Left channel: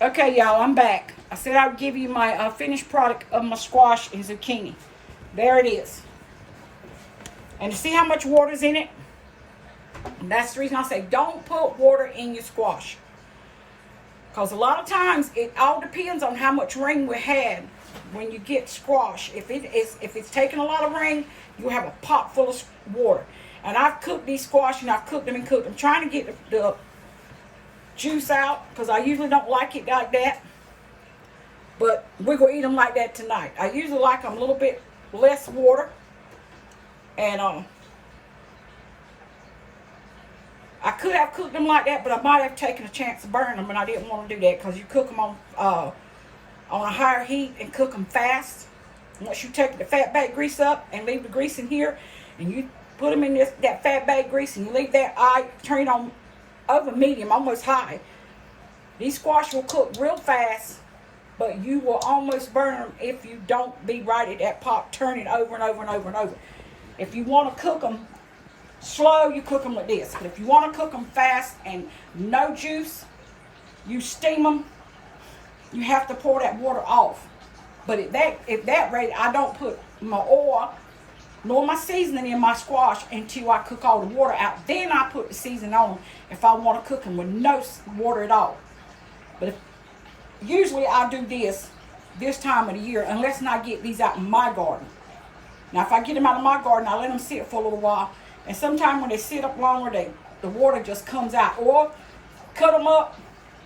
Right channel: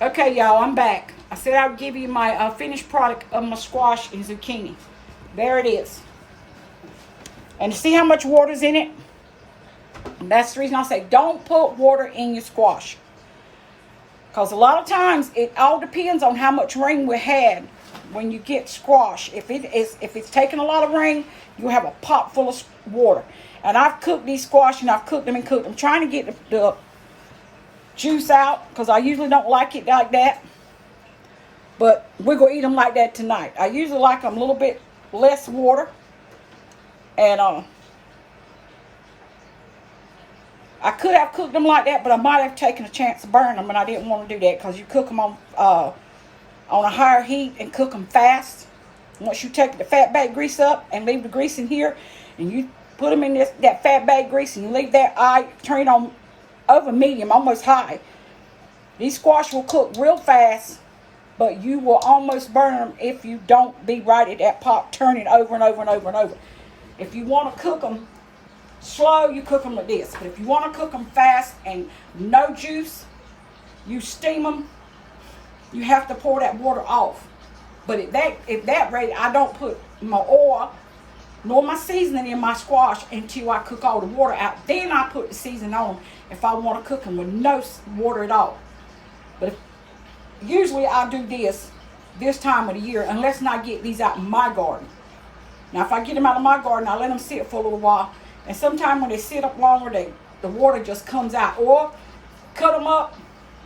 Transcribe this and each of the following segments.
Okay, y'all, I'm back. I said I would give you my finished product of my squash and zucchini. There it is. And see how much water's in it? And that's the reason I say don't put water in your squash. Because a lot of times it all depends on how much rain we had when you get squash. If it's taking a lot of rain, you'll have a pot full of water. And I've cooked these squash and I've cooked them and cooked them. I'm trying to get the juice out because I usually don't like it like that. But we're going to eat them like that tonight. I usually like them a little bit less water. And I could have cooked them like that, but I might have taken a chance to burn them, and I didn't want to do that because you cook them on a higher heat and cook them fast. Once you take the fat bag grease up and leave the grease in here, and you put them in that fat bag grease, and you leave that turn it on over medium, almost high. These squash will cook real fast, but you will almost burn them if you don't be right at that pot, turning over and over and over and over. If you want to cook them slow, you cook them like this. But if you want to cook them fast and no juice, you steam them. You have to pour that water off. But if that rate, I don't put my oil nor my seasoning in my squash until I cook all the water out. Then I put the seasoning on them if I want to cook them with no water at all. But usually I do this time of the year, unless I get these out in my garden. Now, if I get them out of my garden, I let them sit for a little while. And sometimes when they sit up longer, the water just comes out. Or cut them up,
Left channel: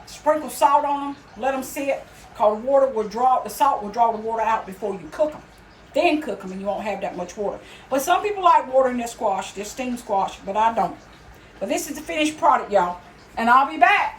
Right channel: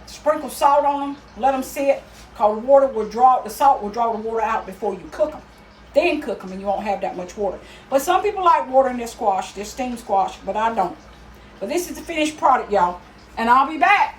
sprinkle salt on them, let them sit. Because the salt will draw the water out before you cook them. Then cook them and you won't have that much water. But some people like water in their squash, their steamed squash, but I don't. But this is the finished product, y'all. And I'll be back.